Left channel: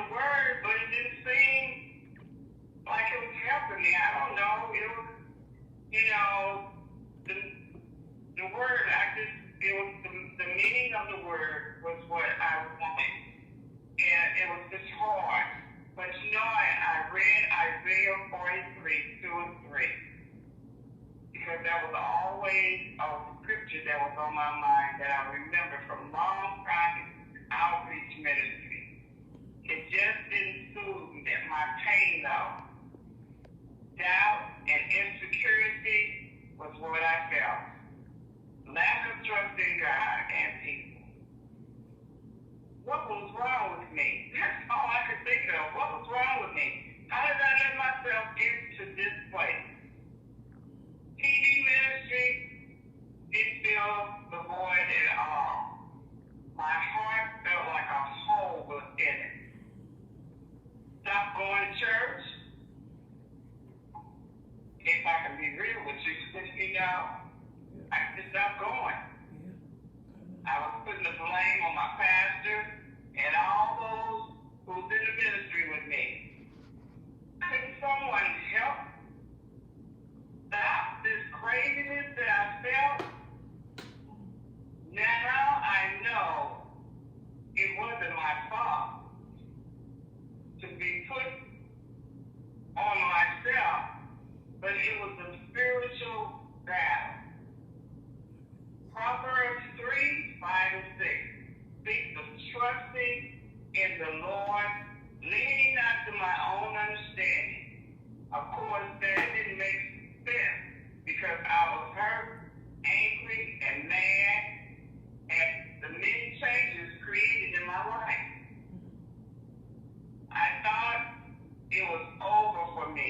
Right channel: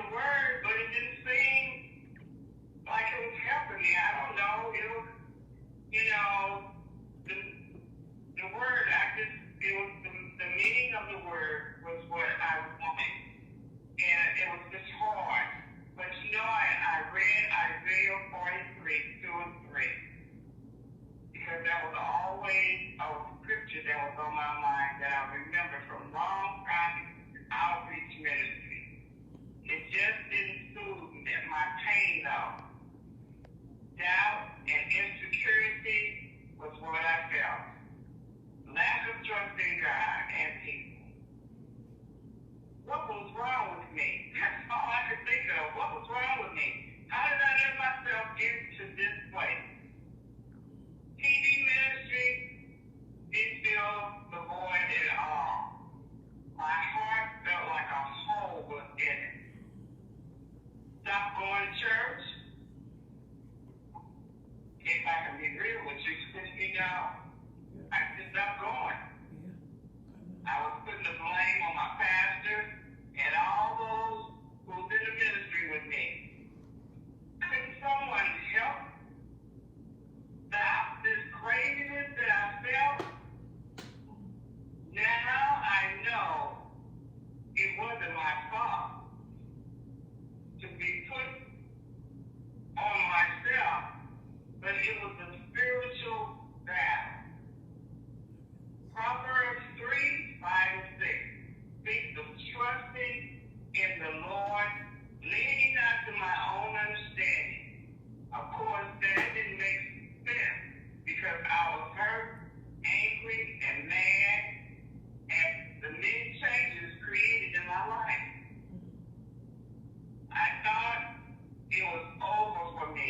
the word, but it didn't seem like it was helping me. I don't know. It was, the word, the meaning of the word was what I wanted. And it was just hard. But I read Isaiah 43, 2 and 3. Because that was always a scripture that was on my mind that I remember from long time outreach ministry. It just didn't soothe my pain though. Doubt and insecurity was what I felt. Lack of trust in God and people. What was wrong with me? That's all I could think of. What was wrong with me? How did I let myself get to this place? TV ministry didn't fill the void at all. My heart felt like a hole was in it. Stopped going to church. If I can be real with you, I just stopped going. I was putting the blame on my pastor and all those who was in the ministry with me. Couldn't someone help stop this craziness that I felt? Now I know it wasn't my fault to be put on myself, but it was a spiritual battle. Proverbs 3, 5, and 6 speaks of trusting in the Lord, leaning not to my own understanding. Of course, that didn't make sense because I was hurt, angry, and mad at the many changes created in my life. I thought it was over for me.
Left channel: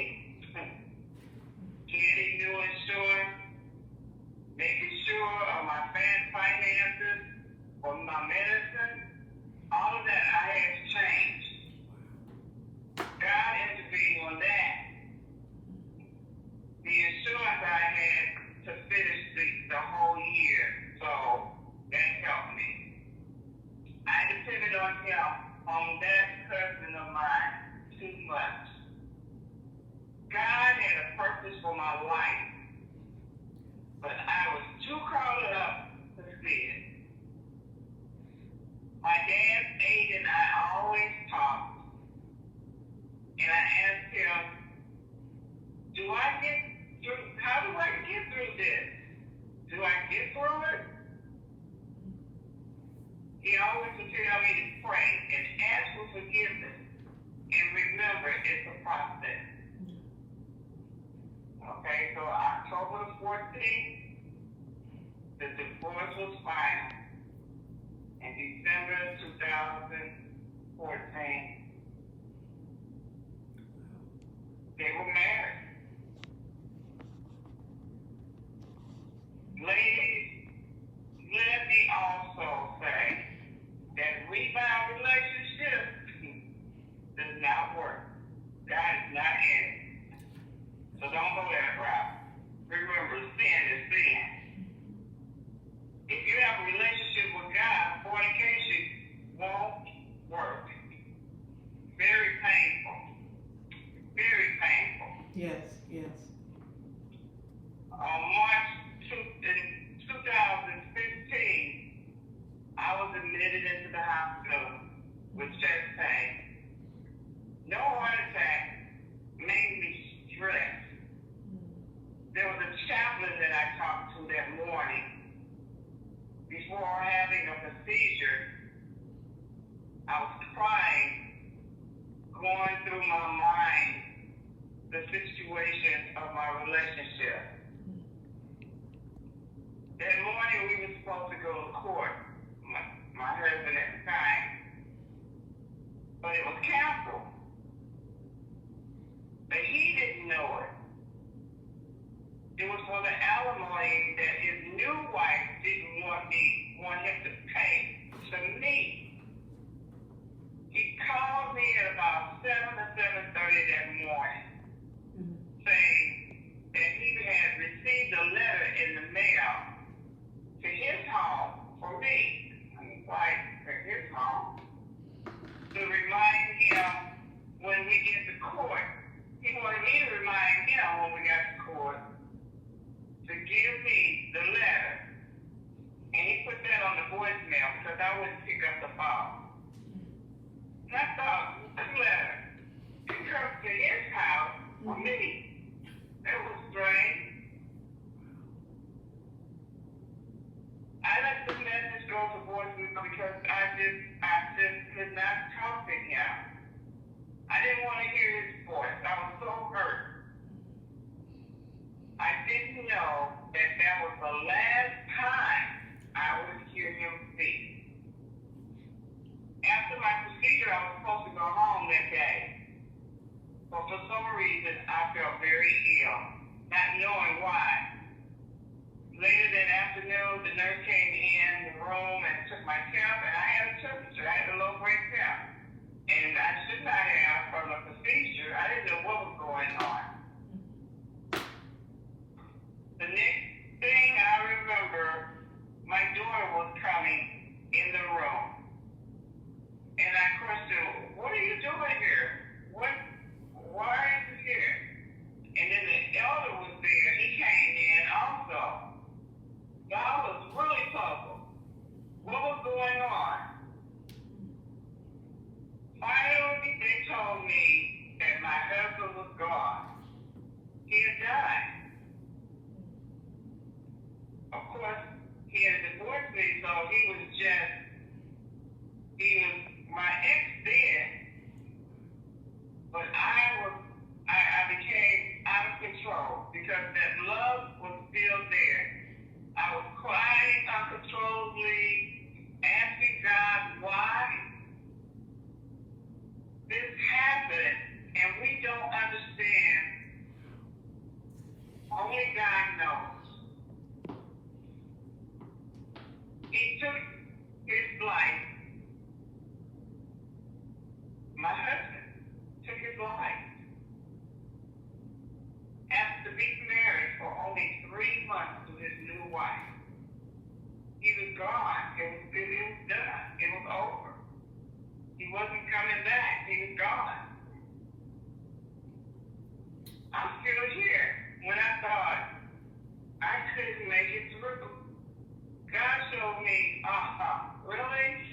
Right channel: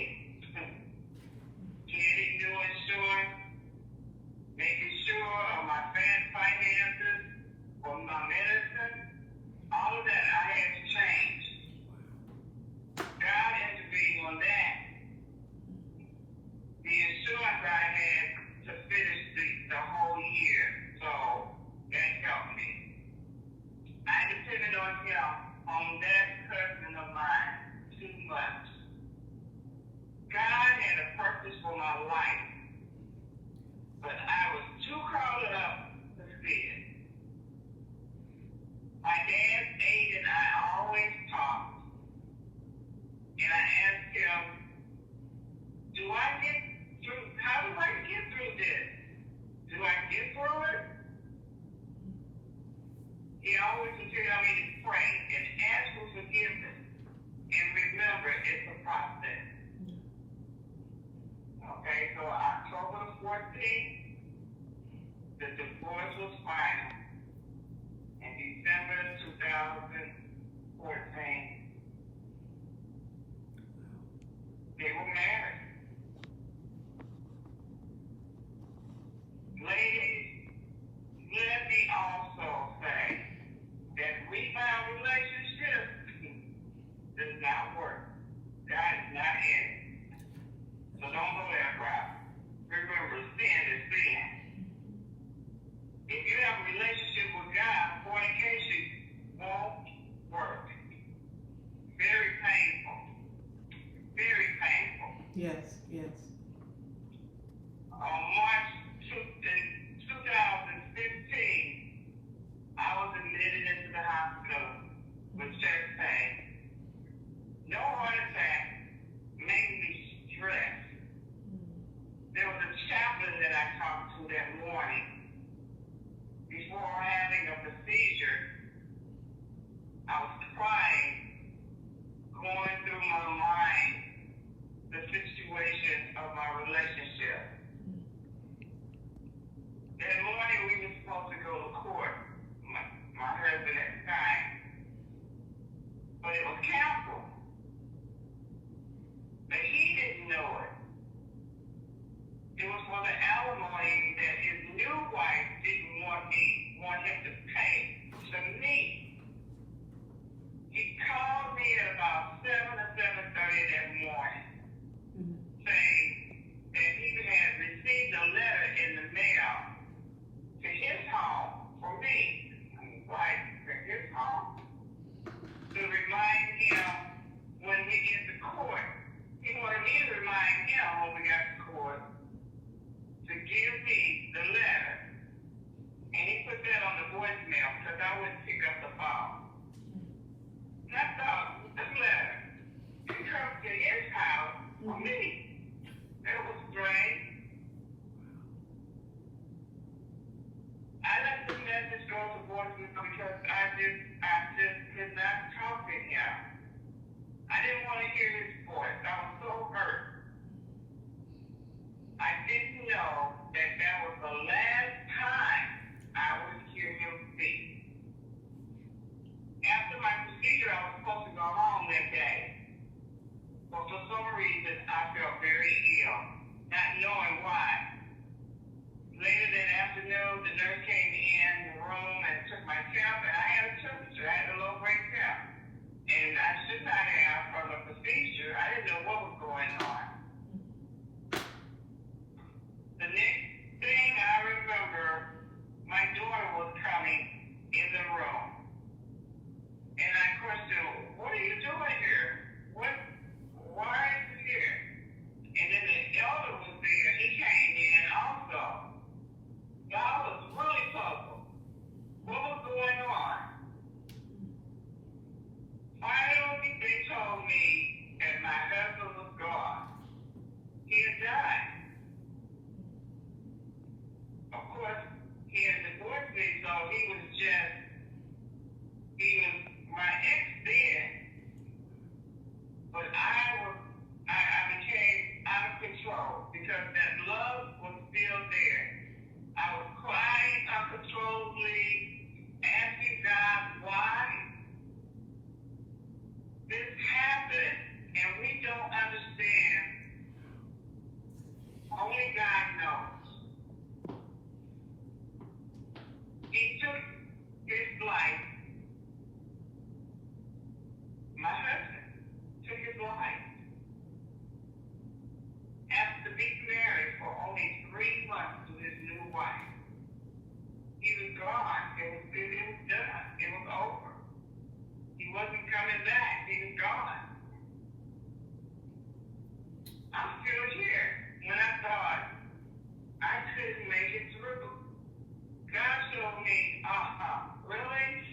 Getting new insurance, making sure of my finances, or my medicine, all of that I had to change. God intervened on that. The insurance I had to finish the whole year, so that helped me. I depended on him, on that cousin of mine, too much. God had a purpose for my life, but I was too caught up to see it. My dad, Aiden, and I always talked, and I asked him, how do I get through this? Do I get through it? He always would tell me to pray and ask for forgiveness, and remember, it's a process. Okay, so October the 14th, the divorce was final. In December 2014, they were married. Ladies, let me also say that rebound relationship does not work. God is not in it. So don't go that route. Remember, sin is sin. If you have a relationship with God, fornication won't work. Very painful. Very painful. Yes. On March 2015, I was admitted into the hospital with chest pain. No heart attack, mainly stress. There was a chaplain that I talked to that morning. Before having a procedure, I was crying, going through my mind the situation of my relationship. That morning we were supposed to go to court, my husband at the time, but it was canceled. But he didn't know it. It was for the alimony that his new wife didn't want him to pay to me. He called me at about 7 or 7:30 that morning, saying that he had received a letter in the mail to his home for me. go home that day. But for some reason, I felt very ill, not knowing why. Later that afternoon, the nurse came in the room and took my temp, and I had a temperature. I had a low-grade temp. And I should not have from the procedure. I didn't know what was going on. The next thing I remember, my daughter was coming in the room. And I questioned, what are you doing here? Why are you here? And then the elder was there. He came in also. So I was really puzzled. What was going on? Finally, they told me that my husband was gone. He had died. Of course, he had divorced me, so he was my ex then. But I became out of control because that love was still there. I was crying uncontrollably, asking God why this happened, and we don't understand. Only God knows. He took his life. My husband took his life. After being married for only 3 months to his new wife. He was gone. It was done. It was over. He wasn't coming back. He was gone. I'm still here. When I thought I couldn't make it through, God showed me, really?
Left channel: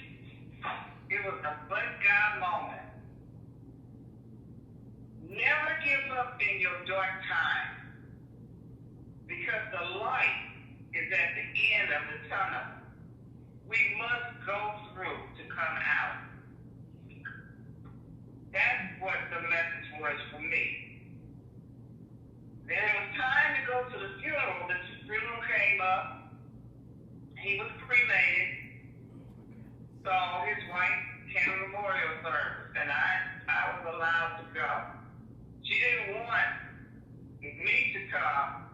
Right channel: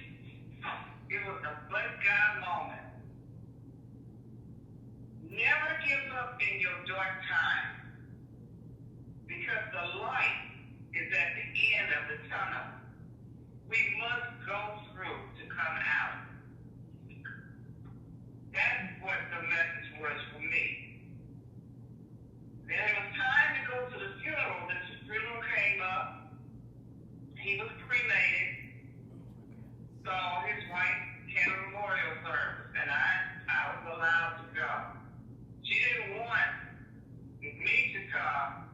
It was a but God moment. Never give up in your dark time, because the light is at the end of the tunnel. We must go through to come out. That's what the message was for me. Then it was time to go to the funeral. The funeral came up. He was cremated. So his wife came to memorial service, and I was allowed to go. She didn't want me to come,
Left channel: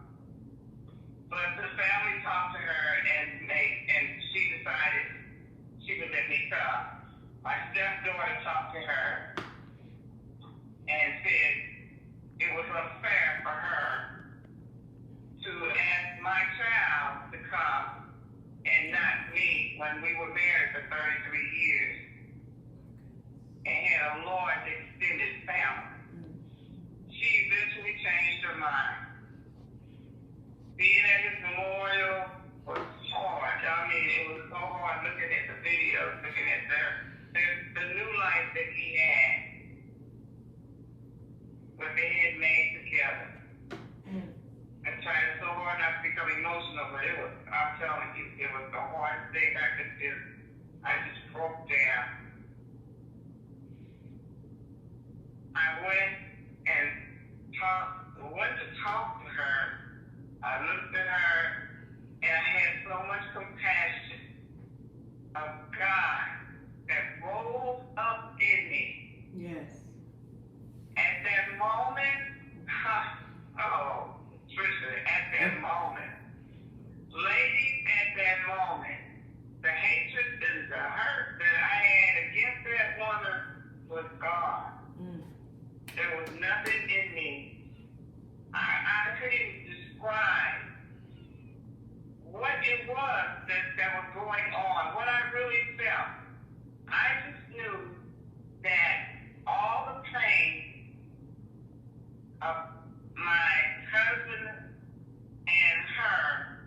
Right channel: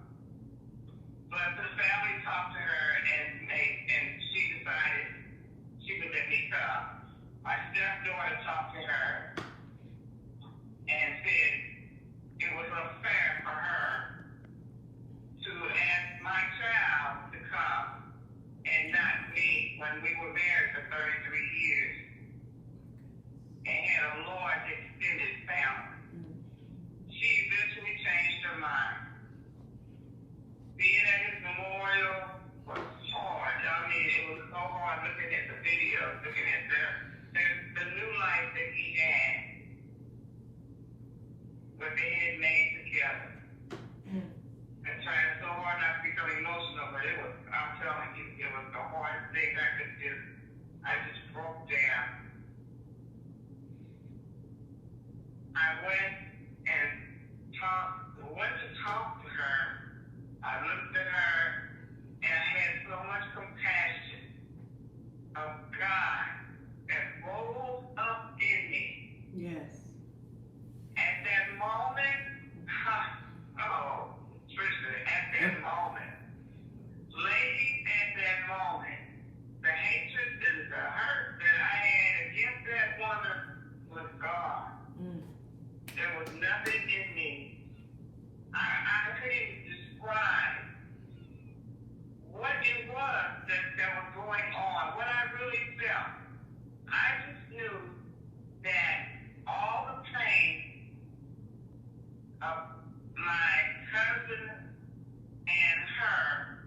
but the family talked to her, and she decided she would let me come. My stepdaughter talked to her and said it was unfair for her to ask my child to come and not me when we were married for 33 years and had a large extended family. She eventually changed her mind. Being at his memorial was hard. I mean, it was so hard looking at the videos, looking at the new life that he had, what they had made together. I'm trying so hard not to become emotional, but I'm telling you, it was the hardest thing I just broke down. I went to talk to her. I looked at her, and I had so much compassion of God that rose up in me. Yes. At that moment, Patricia, at that moment, ladies, at that moment, the hatred and the hurt that I had against that woman was gone. There was nothing in me. I couldn't describe what it was that was going on, what I really felt. I just knew that all the pain of my cousin and her,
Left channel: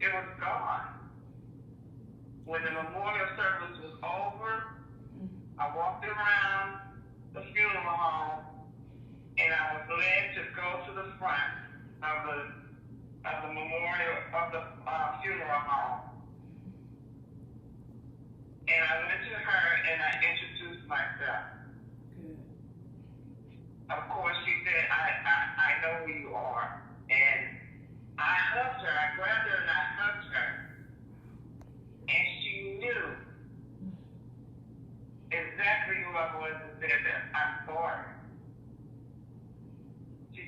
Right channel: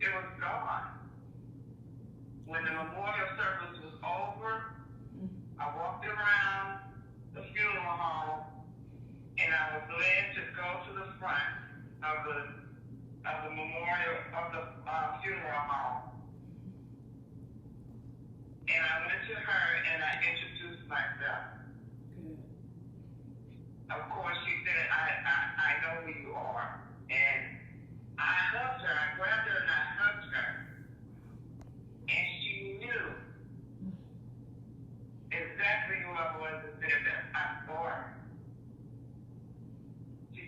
it was gone. When the memorial service was over, I walked around the funeral home, and I was led to go to the front of the memorial of the funeral home. And I went to her and I introduced myself. Of course, she said, I know who you are. And I hugged her. I grabbed her and I hugged her. And she knew exactly who I was that said that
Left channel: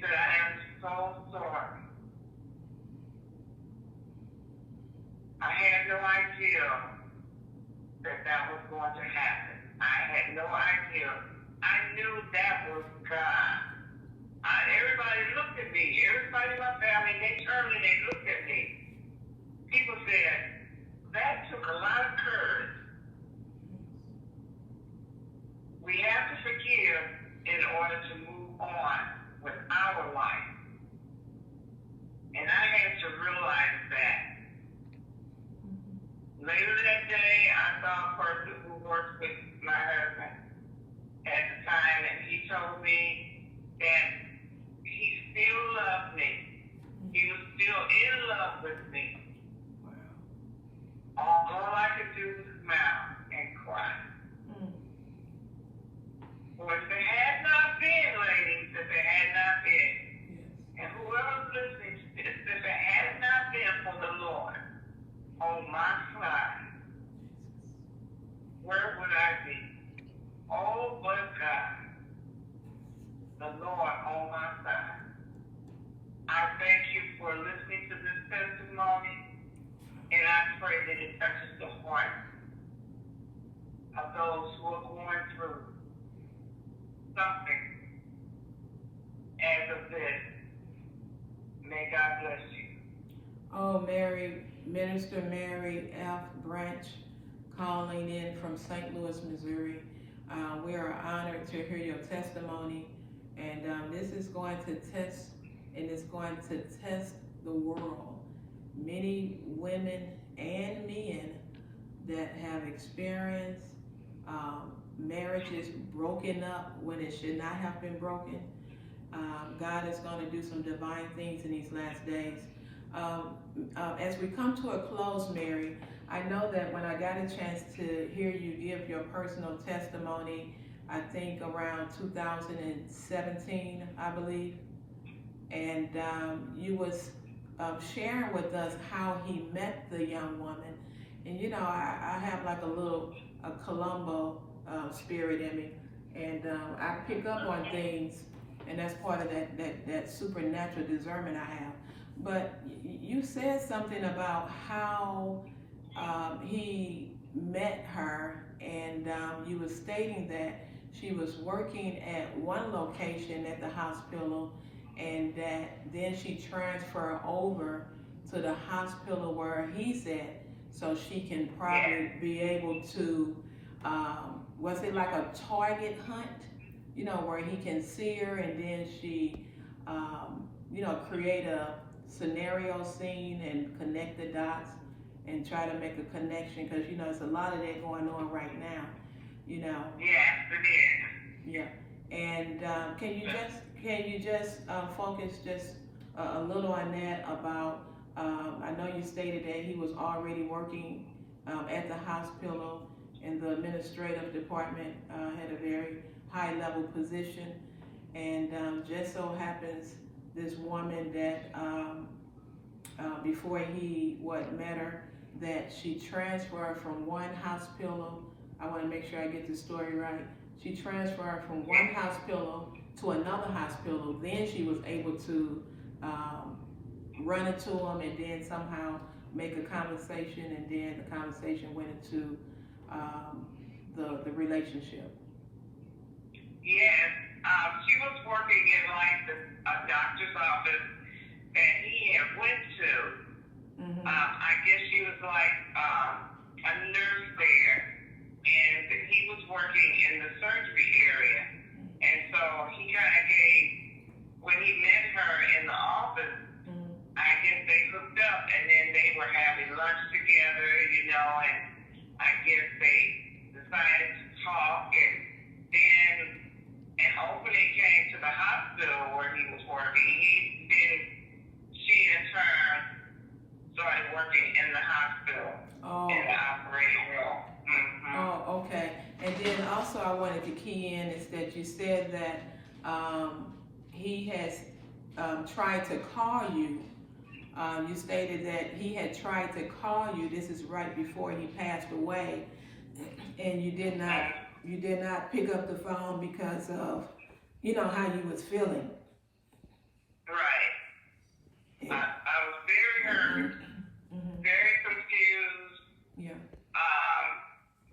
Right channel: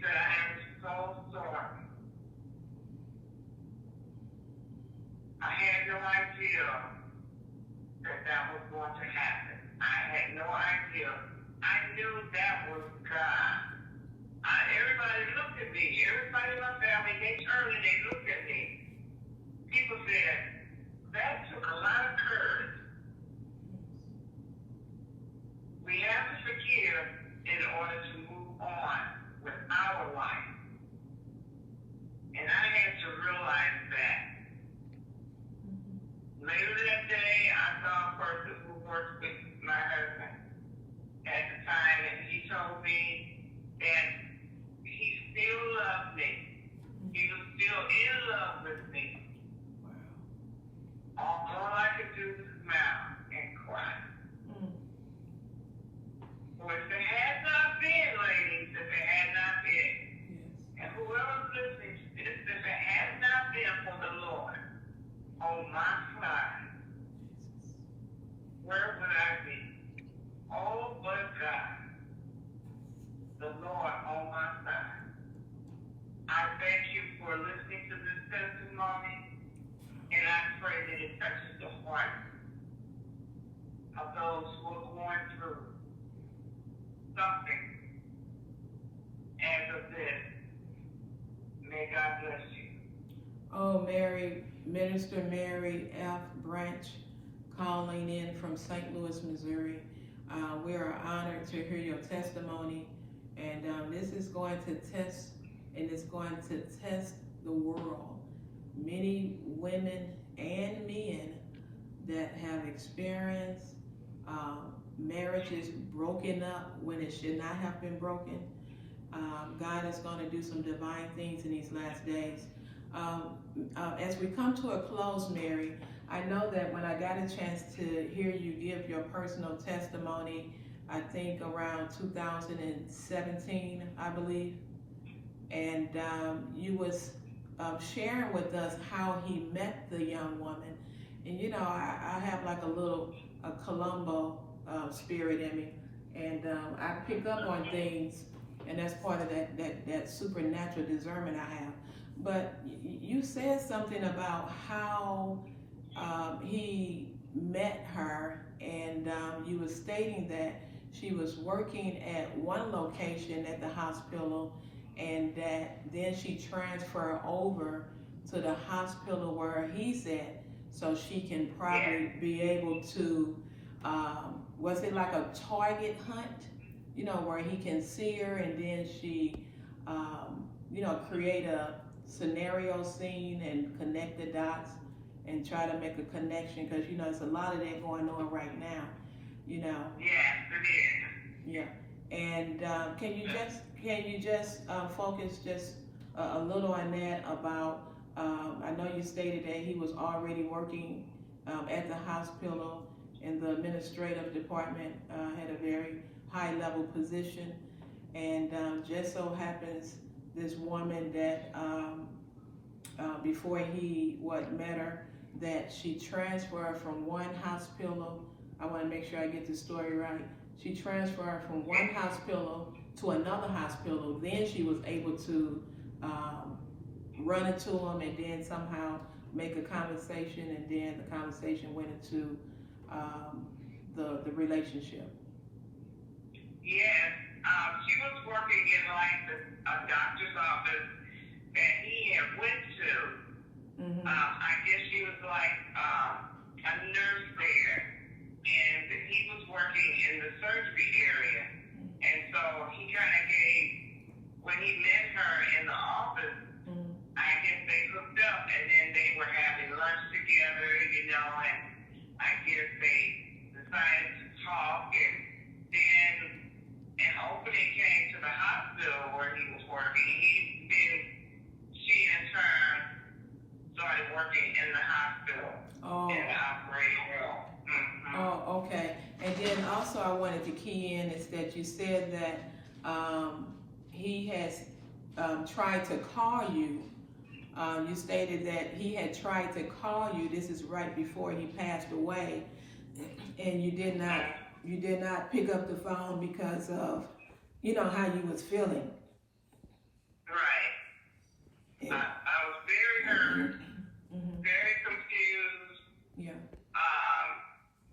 said, I am so sorry. I had no idea that was going to happen. I had no idea. I knew that was God. Everybody looked at me. Everybody in my family, they turned and they looked at me. People said, that took a lot of courage. We have to forgive in order to move on with our life. And I had to realize that. Later that day, I saw a person who worked with my husband at the time, and he told me that he still loved me. He was still in love with me. Wow. All I could do was smile and cry. Well, if it had not been, ladies, if it had not been, and whoever's listening to this, if it had not been for the Lord on my side, where would I be? Oh, but God, the Lord on my side. I thank you for listening to this testimony, and I pray that it touches the heart of those who are going through something as of this. May God bless you. Oh, Minister Mary F. Branch, calling in from St. Louis, Missouri. We are honored to hear your testimony, and this is going to test, and it's going to test the world. Many women and men that have experienced marriages broken up when it should not have been broken. God is going to do some divine things in these last days. As we come to a close, Mary, I know that when I got a chance to hear you give your personal testimony, I think around 2017, I believe, and you was sharing with us how he met the young woman. And you know, I have like a Columbo spirit in me, and I pick up on things, and that's part of that supernatural discernment I have. But you said something about how he met her, and you were stating that she was working at one location at the hospital, and that then she transferred over to the hospital where he said, so she can probably be able to, was it like a target hunt? You know, where he can see her, and then she, you know, create a scenario scene and connect the dots and try to make a connection, because you know there's a lot of that going on right now, you know. Yes, it is. Yeah, and can you just focus just a little on that about? I know you stated that he was already working at the hospital in the administrative department, had a very high level position, and just so happens this woman that before he met her, that she transferred from one hospital. I want to make sure I get the story right. She transferred from one hospital to another hospital. Then she was able to run into him, and then somehow make a conversation, and then the conversation went into the relationship. Yes, she was working in like a doctor's office that he had went to. Mm-hmm. I guess she was like a nurse there, and he was working in the surgery area. And so he kind of gave, when he met her in the office, I guess they hooked up, and then they were having lunch together, you know, and I guess they decided to talk, and then an opening came to the hospital where he was working. She in turn started working in the hospital, in the operating room. Mm-hmm. Oh, okay. And then also I wanted to key in is that you said that he has tried to call you. You stated that he had tried to call you. This is right before he passed away, and you did not pick up the phone because of, you know, how you was feeling. I was very hurt, very confused. Yeah.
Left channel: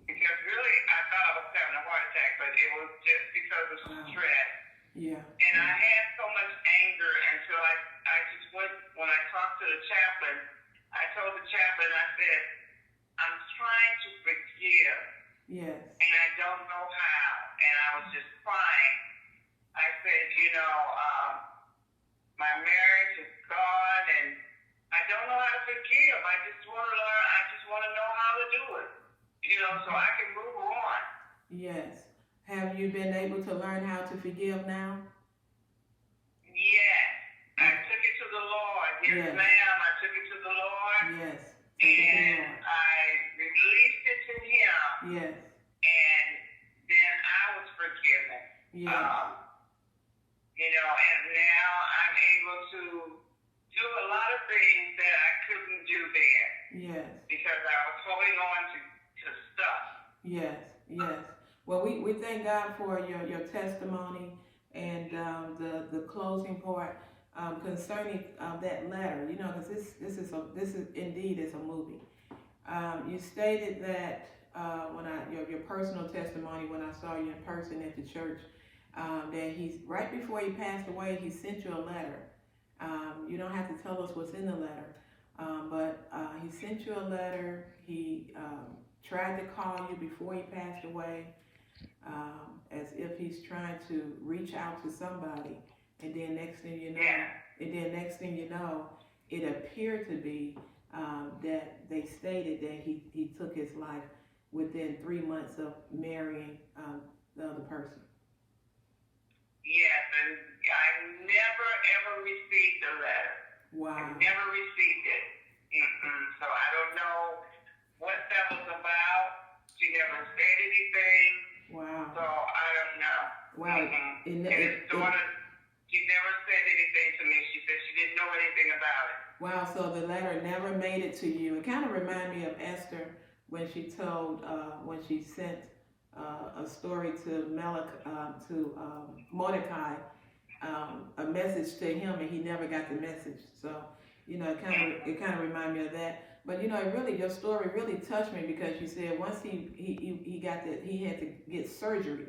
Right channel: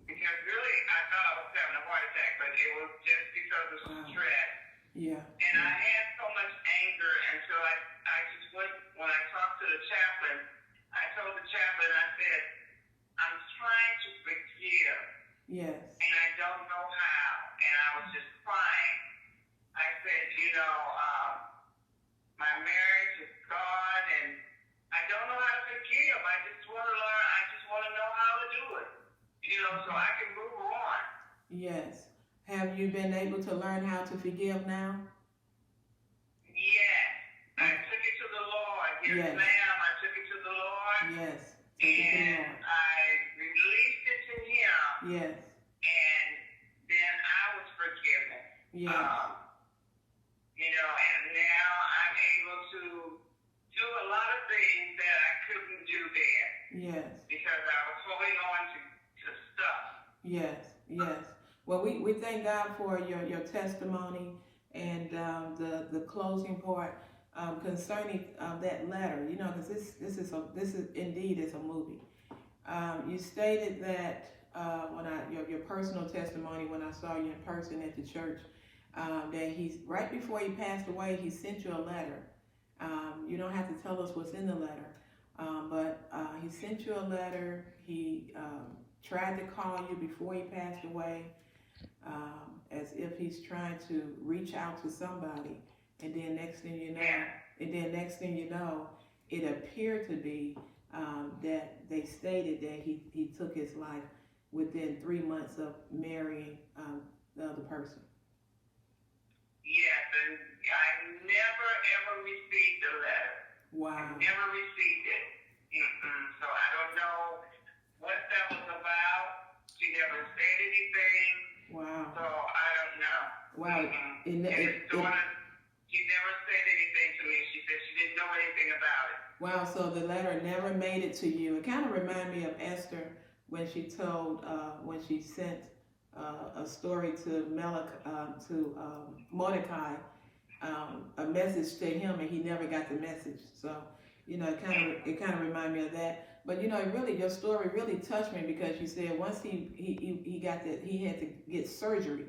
Because really I thought I was having a heart attack, but it was just because of stress. Yeah. And I had so much anger until I just went, when I talked to the chaplain, I told the chaplain, I said, I'm trying to forgive. Yes. And I don't know how. And I was just crying. I said, my marriage is gone and I don't know how to forgive. I just want to learn. I just want to know how to do it, so I can move on. Yes. Have you been able to learn how to forgive now? Yes. I took it to the Lord. Yes, ma'am. I took it to the Lord. Yes. And I released it to Him. Yes. And then I was forgiven. Yes. And now I'm able to do a lot of things that I couldn't do there. Yes. Because I was holding on to stuff. Yes. Yes. Well, we thank God for your testimony and the closing part concerning that letter. Because this is indeed is a movie. You stated that when your personal testimony when I saw you in person at the church, that he's right before he passed away, he sent you a letter. You don't have to tell us what's in the letter, but he sent you a letter. He tried to call you before he passed away, as if he's trying to reach out to somebody. And then next thing you know, it appeared to be that they stated that he took his life within 3 months of marrying the other person. Yes, and I never ever received the letter. Wow. I never received it. So I don't know what that was about. She never said anything. Wow. So I don't know. Wow. And his daughter, she never said anything to me. She said she didn't know anything about it. Wow, so the letter never made it to you. It kind of reminded me of Esther when she told, when she sent a story to Mordecai, a message to him, and he never got the message. So, it kind of reminded me of that. But your story really touched me, because you said once he had to get surgery,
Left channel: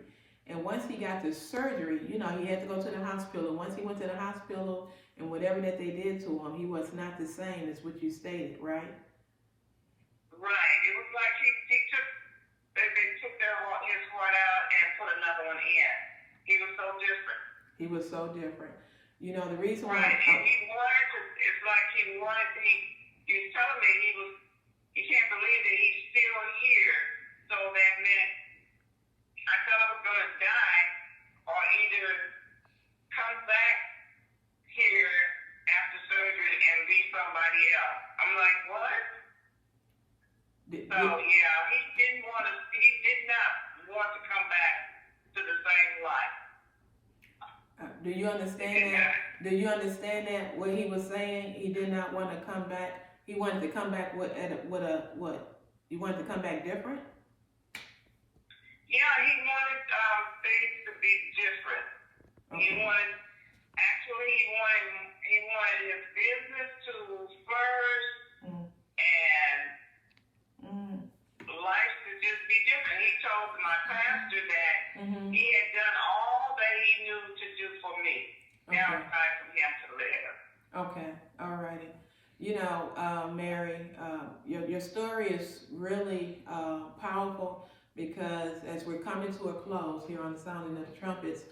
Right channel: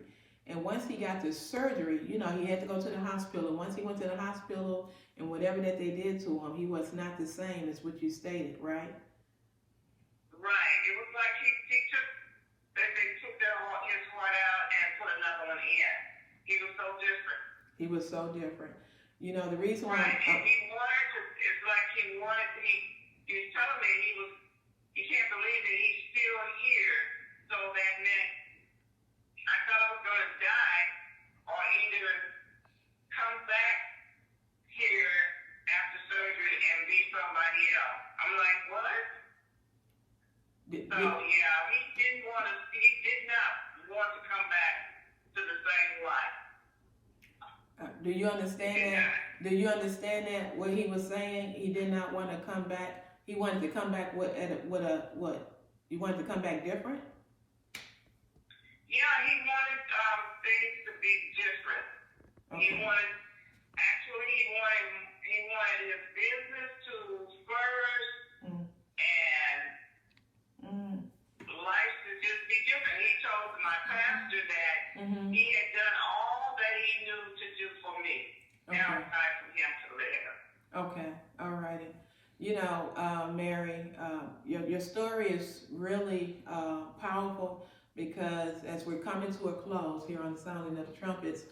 and once he got the surgery, he had to go to the hospital. And once he went to the hospital, and whatever that they did to him, he was not the same as what you stated, right? Right. It was like they took his heart out and put another one in. He was so different. He was so different. The reason why. Right. And he wanted to, it's like he was telling me he can't believe that he's still here. So that meant I thought I was going to die or either come back here after surgery and be somebody else. I'm like, what? He did not want to come back to the same life. Do you understand that? Do you understand that what he was saying? He did not want to come back. He wanted to come back what? You wanted to come back different? Yeah, he wanted things to be different. Okay. He wanted his business to first, and life to just be different. He told my pastor that he had done all that he knew to do for me. Now it's time for him to live. Okay, all righty. Mary, your story is really powerful, because as we're coming to a close here on the Sounding of the Trumpets,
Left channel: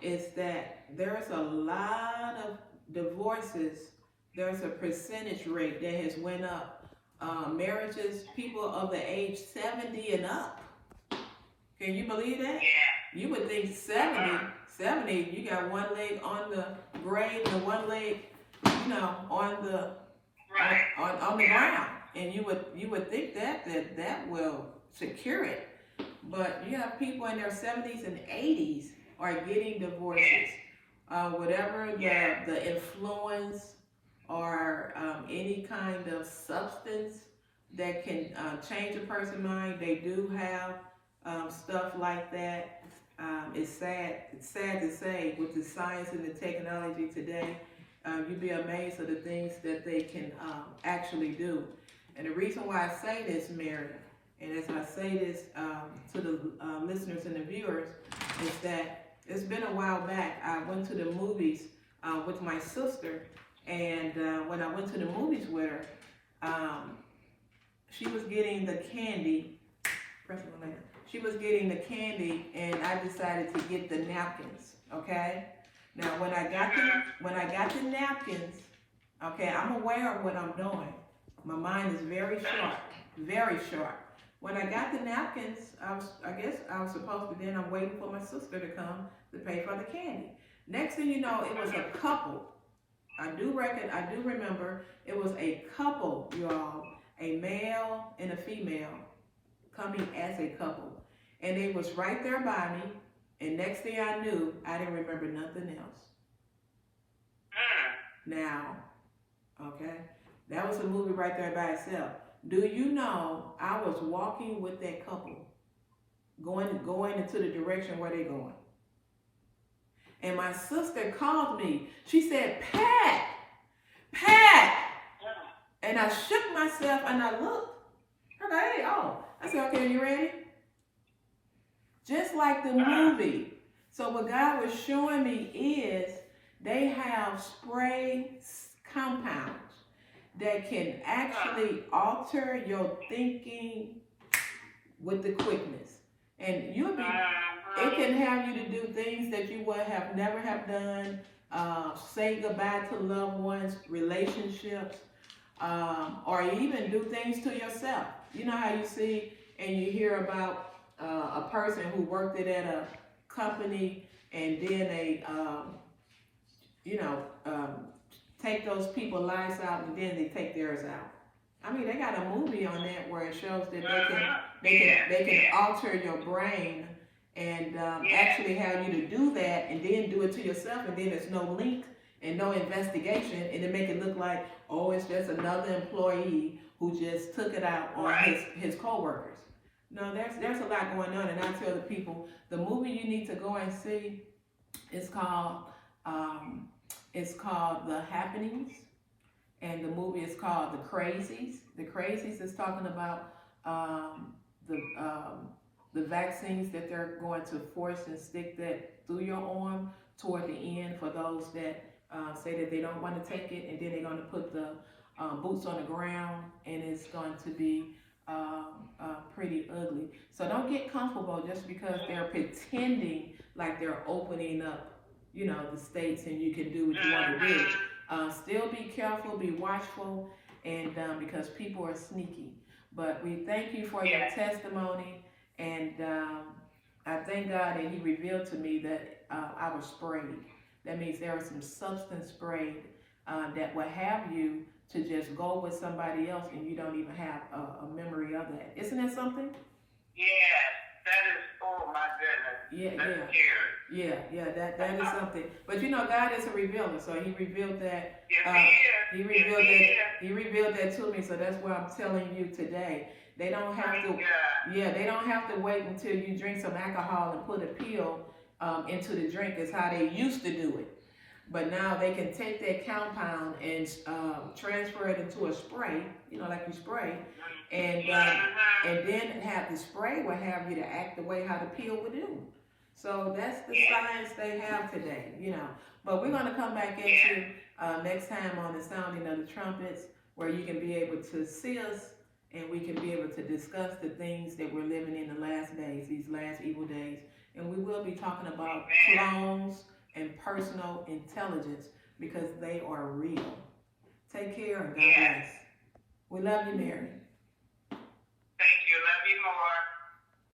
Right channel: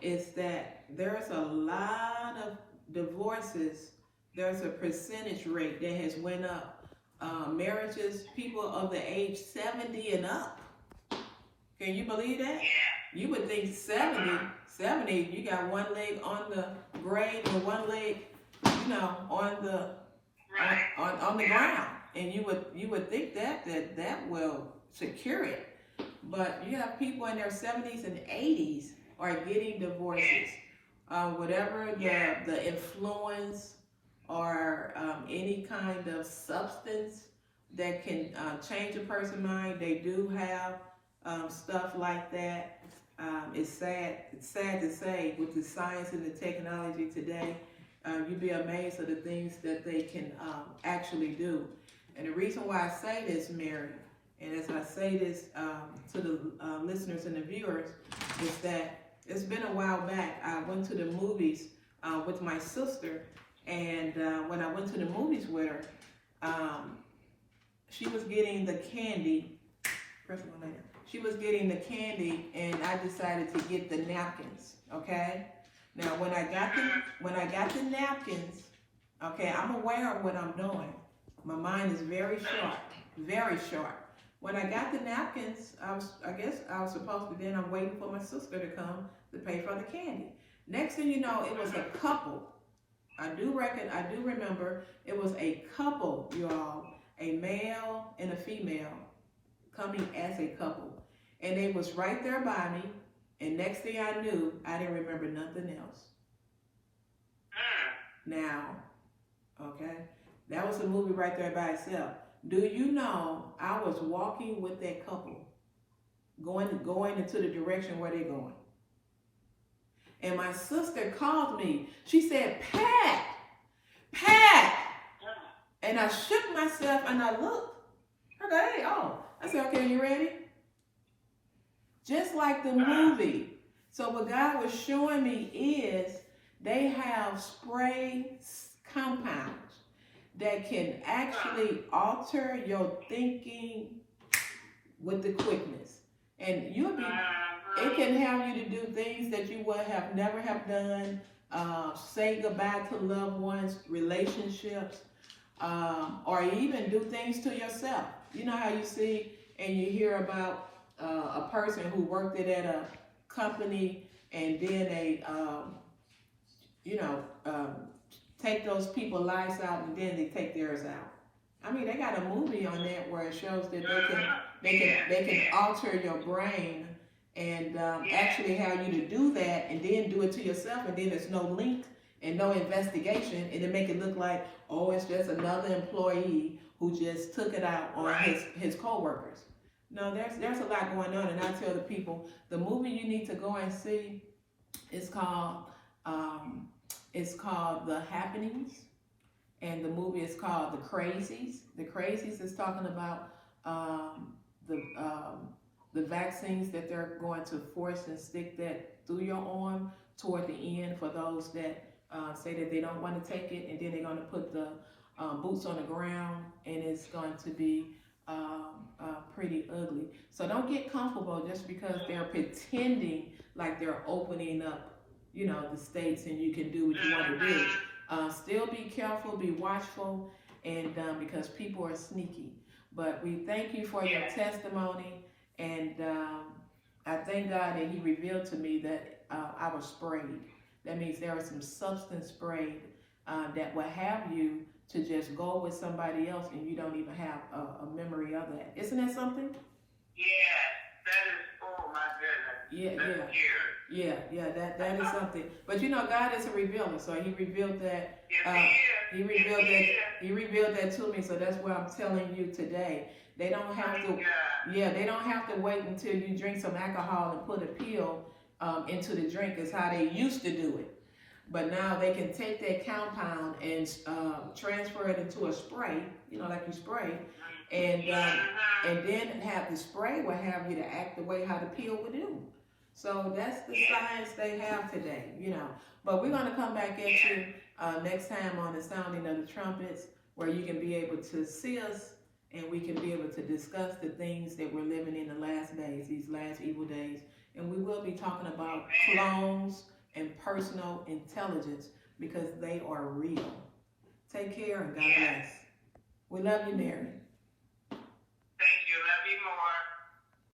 is that there's a lot of divorces. There's a percentage rate that has went up. Marriages, people of the age 70 and up. Can you believe that? Yeah. You would think 70, you got one leg on the grave and one leg, on the on the ground, and you would think that will secure it. But you have people in their 70s and 80s are getting divorces. Whatever the influence or any kind of substance that can change a person's mind, they do have stuff like that. It's sad to say, with the science and the technology today, you'd be amazed at the things that they can actually do. And the reason why I say this, Mary, and as I say this to the listeners and the viewers, is that it's been a while back. I went to the movies with my sister, and when I went to the movies with her, she was getting the candy. She was getting the candy, and I decided to get the napkins. Okay. Now, when I got the napkins, okay, I'm aware of what I'm doing. My mind is very sharp, very sharp. When I got the napkins, I guess I was supposed to. Then I'm waiting for my sister to come to pay for the candy. Next thing you know, it was a couple. I do remember it was a couple, you all, a male and a female, coming as a couple, and they was right there by me. And next thing I knew, I didn't remember nothing else. Now, okay, that was a movie right there by itself. Do you know I was walking with that couple, going into the direction where they're going, and my sister called me. She said, "Pat, Pat," and I shook myself and I looked. Okay, oh, I said, "Okay, you ready?" Just like the movie. So what God was showing me is they have spray compounds that can actually alter your thinking with the quickness. And it can have you to do things that you would have never have done, say goodbye to loved ones, relationships, or even do things to yourself. You know how you see and you hear about a person who worked at a company, and then they, take those people's lives out, and then they take theirs out. I mean, they got a movie on that where it shows that they can alter your brain and actually have you to do that, and then do it to yourself, and then there's no link and no investigation, and they make it look like, oh, it's just another employee who just took it out on his coworkers. No, there's a lot going on, and I tell the people, the movie you need to go and see is called The Happenings, and the movie is called The Crazies. The Crazies is talking about the vaccines that they're going to force and stick that through your arm toward the end for those that say that they don't want to take it, and then they're going to put the boots on the ground, and it's going to be pretty ugly. So don't get comfortable just because they're pretending like they're opening up, the states, and you can do what you want to do. Still be careful, be watchful, and because people are sneaky. But we thank you for your testimony, and I thank God that He revealed to me that I was sprayed. That means there was some substance sprayed that will have you to just go with somebody else, and you don't even have a memory of that. Isn't that something? Yeah, that is, oh my goodness. That is something. But God is a revealer, so He revealed that. He revealed that to me. So that's why I'm telling you today. They don't have to. Yeah, they don't have to wait until you drink some alcohol and put a pill into the drink. Is how they used to do it. But now they can take that compound and transfer it into a spray, like you spray, and then have the spray will have you to act the way how the pill would do. So that's the science they have today, But we're going to come back at you next time on the sounding of the trumpets, where you can be able to see us, and we can be able to discuss the things that we're living in the last days, these last evil days. And we will be talking about clones and personal intelligence, because they are real. Take care, and God bless. We love you, Mary.